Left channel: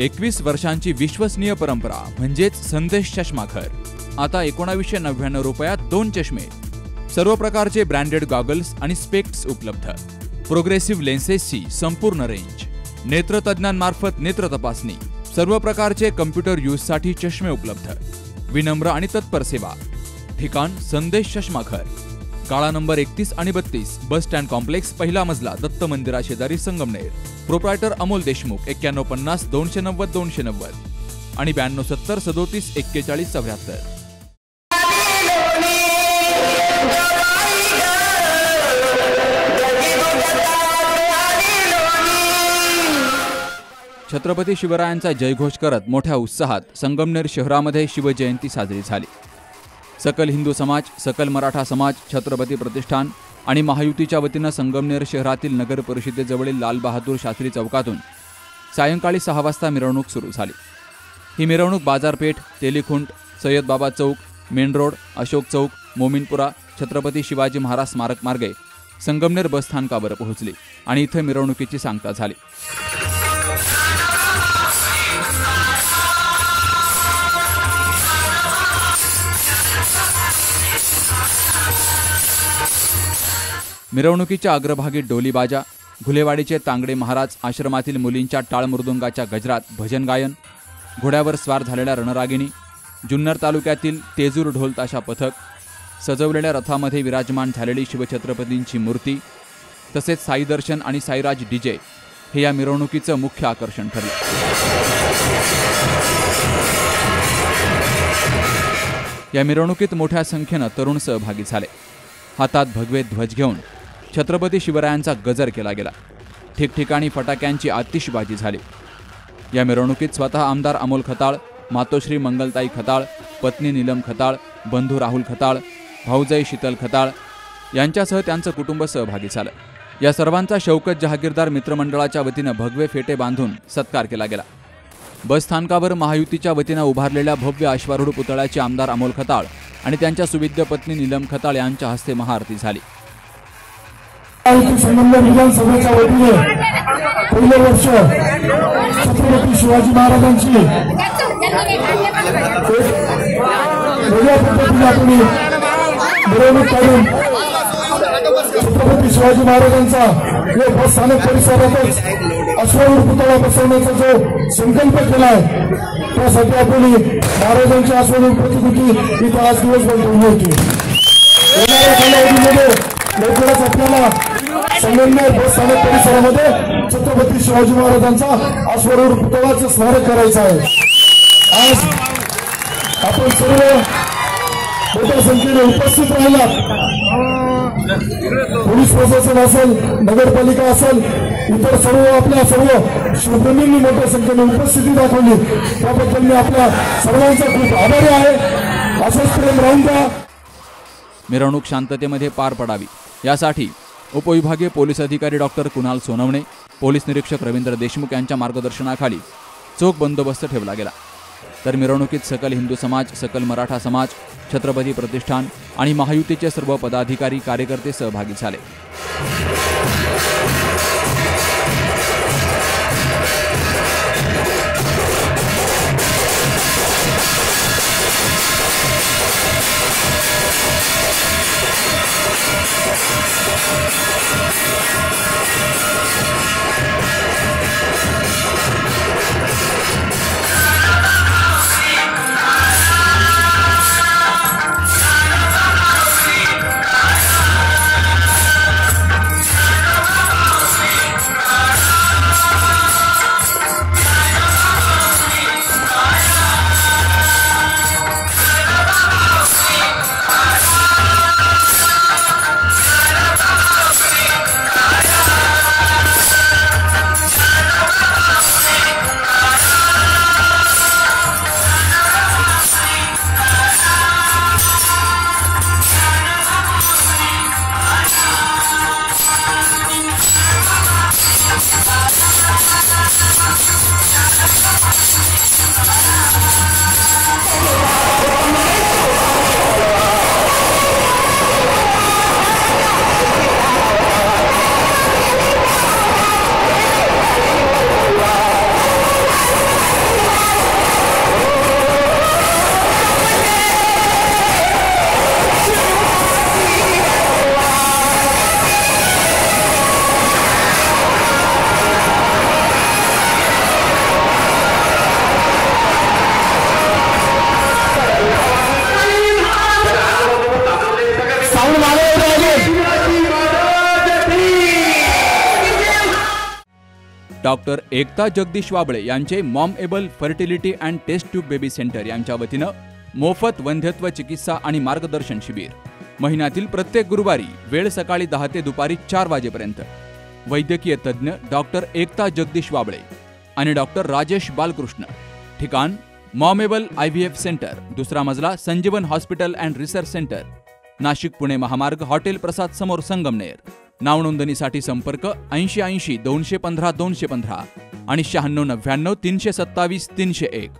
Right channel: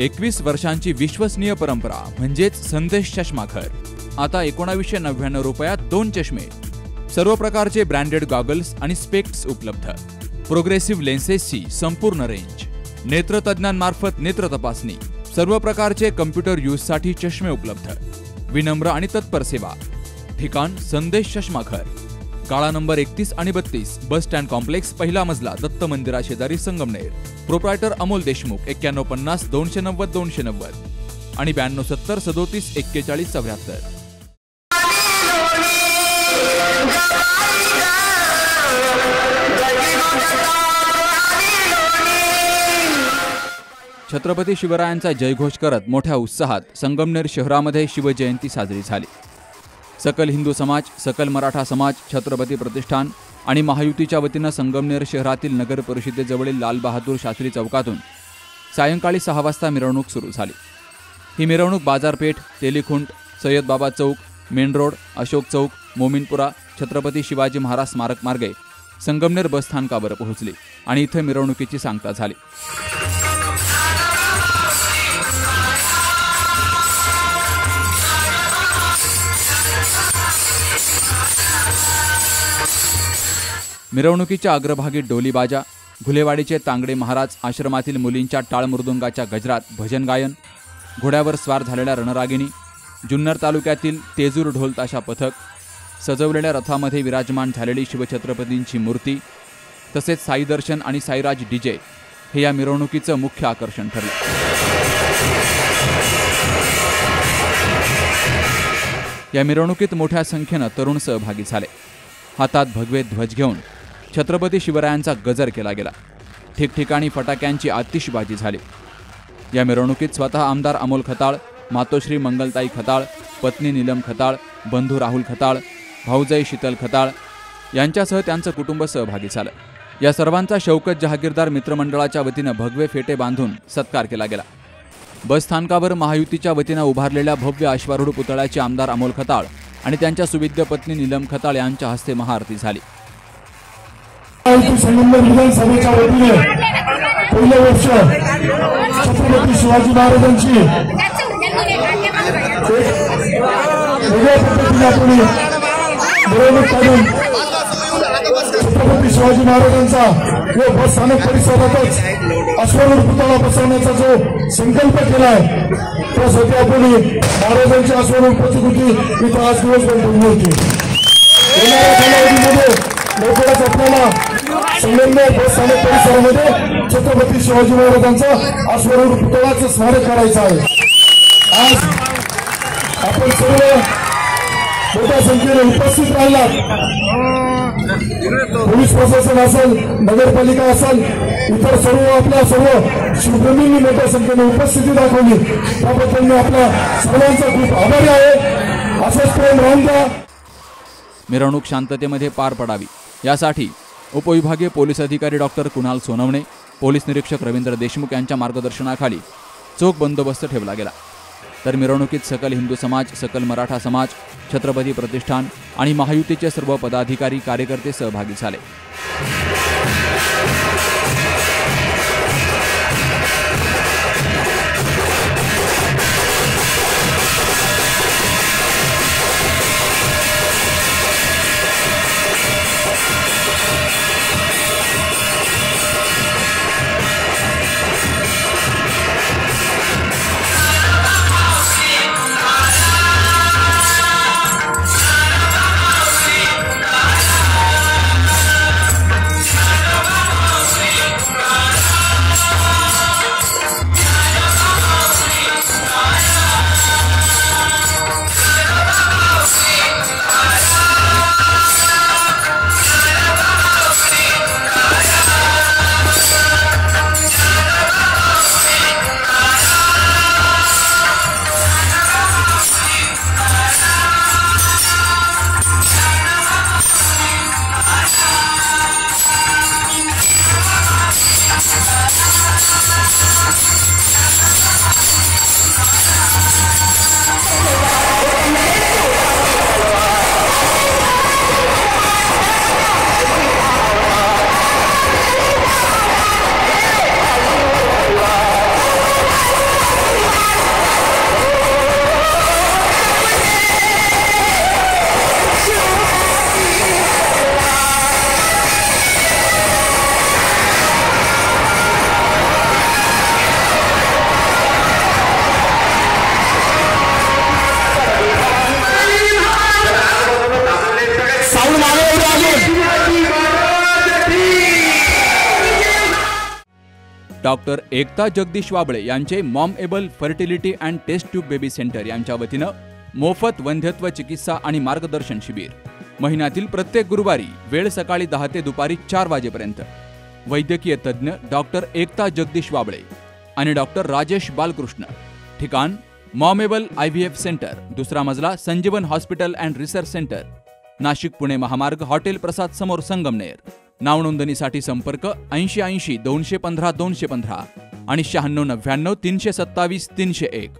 21 वर्षांची विश्वसनीय परंपरा म्हणजेच संदेश चष्माघर. आता 1999 रुपयात 2 चष्मे. सर्व प्रकारचे ब्रँडेड गॉगल्स आणि स्पेक्ट्स उपलब्ध. प्रोग्रेसिव्ह लेन्सेसची संपूर्ण रेंज. नेत्रतज्ञांमार्फत नेत्र तपासणी. सर्व प्रकारचे कम्प्युटर यूजसाठी चष्मे उपलब्ध. विनम्र आणि तत्पर सेवा. ठिकाण संदेश चष्माघर. गाळा नंबर 31 आणि 32, बस स्टँड कॉम्प्लेक्स, पहिला मजला, दत्त मंदिरा शेजारी, संगमनेर. प्रोप्रायटर अमोल देशमुख. 9150 290 290 आणि 9270 37 41 74. छत्रपती शिवरायांचा जयघोष करत मोठ्या उत्साहात संगमनेर शहरामध्ये शिवजयंती साजरी झाली. सकल हिंदू समाज, सकल मराठा समाज, छत्रपती प्रतिष्ठान आणि महायुतीच्या वतीनं संगमनेर शहरातील नगर परिषदेजवळील लाल बहादूर शास्त्री चौकातून सायंकाळी 6 वाजता मिरवणूक सुरू झाली. ही मिरवणूक बाजारपेठ, तेलीखुंट, सय्यद बाबा चौक, मेन रोड, अशोक चौक, मोमीनपुरा, छत्रपती शिवाजी महाराज स्मारक मार्गे संगमनेर बसस्थानकावर पोहोचली आणि इथे मिरवणुकीची सांगता झाली. मिरवणुकीच्या अग्रभागी डोलीबाजा, घुलेवाडीचे तांगडे महाराज आश्रमातील मुलींच्या टाळ मृदुंगाच्या गजरात भजन गायन, घोड्यावर स्वार झालेल्या रणरागिणी, जुन्नर तालुक्यातील तेजूर ढोल ताशा पथक, सजवलेल्या रथामध्ये विराजमान झालेली शिवछत्रपतींची मूर्ती, तसेच साई दर्शन आणि साईराज डीजे हे या मिरवणुकीचं मुख्य आकर्षण ठरलं. या मिरवणुकीत मोठ्या संख्येनं तरुण सहभागी झाले. हातात भगवे ध्वज घेऊन छत्रपती शिवरायांचा गजर केला गेला. ठिकठिकाणी फटाक्यांची आतिषबाजी झाली. या मिरवणुकीत स्वतः आमदार अमोल खताळ, मातोश्री मंगलताई खताळ, पत्नी नीलम खताळ, बंधू राहुल खताळ, भाऊजाई शीतल खताळ यांच्यासह त्यांचं कुटुंब सहभागी झालं. या सर्वांचा शौकत जहागीरदार मित्रमंडळाच्या वतीनं भगवे फेटे बांधून सत्कार केला गेला. बसस्थानकावर महायुतीच्या वतीनं उभारलेल्या भव्य अश्वारूढ पुतळ्याचे आमदार अमोल खताळ आणि त्यांच्या सुविद्य पत्नी नीलम खताळ यांच्या हस्ते महाआरती झाली. संगमनेर विधानसभेच्या वतीने पहिल्या वर्ष छत्रपती शिवाजी महाराजांची वेगळ्या पद्धतीने आपण मिरवणूक काढून छत्रपती शिवाजी महाराजांचा या बसस्थानक परिसरातच अश्वारूढ पुतळा बसवण्याचा जो संकल्प केलाय त्यासाठी आपण महाराजांची अश्वारूढ प्रतिकृती इथं आज दिवसभर उभी होती. येणाऱ्या कालावधीमध्ये लवकरच आपल्याला संगमनेर बसस्थानक परिसरामध्ये छत्रपती शिवाजी महाराजांचा अश्वारूढ पुतळ्याचं स्मारक करायचं आहे. आज आपण सर्व मोठ्या संख्येने उपस्थित राहिलात. पोलीस प्रशासन असेल, नगरपालिका असेल, इतर सर्व शिवप्रेमींनी मोठ्या संख्येने उपस्थिती दाखवली त्याबद्दल मी आपल्या सर्वांचा खूप आभारी आहे. असंच प्रेम राहून द्या. मिरवणूक शांततेमध्ये पार पडावी यासाठी उपविभागीय पोलीस अधिकारी डॉक्टर कुणाल सोनवणे, पोलीस निरीक्षक रवींद्र देशमुख यांच्या मार्गदर्शनाखाली चोख बंदोबस्त ठेवला गेला. तर मिरवणुकीत सकल हिंदू समाज, सकल मराठा समाज, छत्रपती प्रतिष्ठान आणि महायुतीचे सर्व पदाधिकारी कार्यकर्ते सहभागी झाले. डॉक्टर एकता जगदीश वाबळे यांचे mom able fertility and test tube baby centre यांच्या वतीनं मोफत वंध्यत्व चिकित्सा आणि मार्गदर्शन शिबिर. महिन्यातील प्रत्येक गुरुवारी, वेळ सकाळी 10 ते दुपारी 4 वाजेपर्यंत. वैद्यकीय तज्ज्ञ डॉक्टर एकता जगदीश वाबळे आणि डॉक्टर राजेश बालकृष्ण. ठिकाण मॉमेबल IVF सेंटर, दुसरा मजला, संजीवन hospital and research centre, Nashik Pune महामार्ग, हॉटेल प्रसाद समोर, संगमनेर. नाव नोंदणीसाठी संपर्क 8080 215 215 आणि 9699 327 301.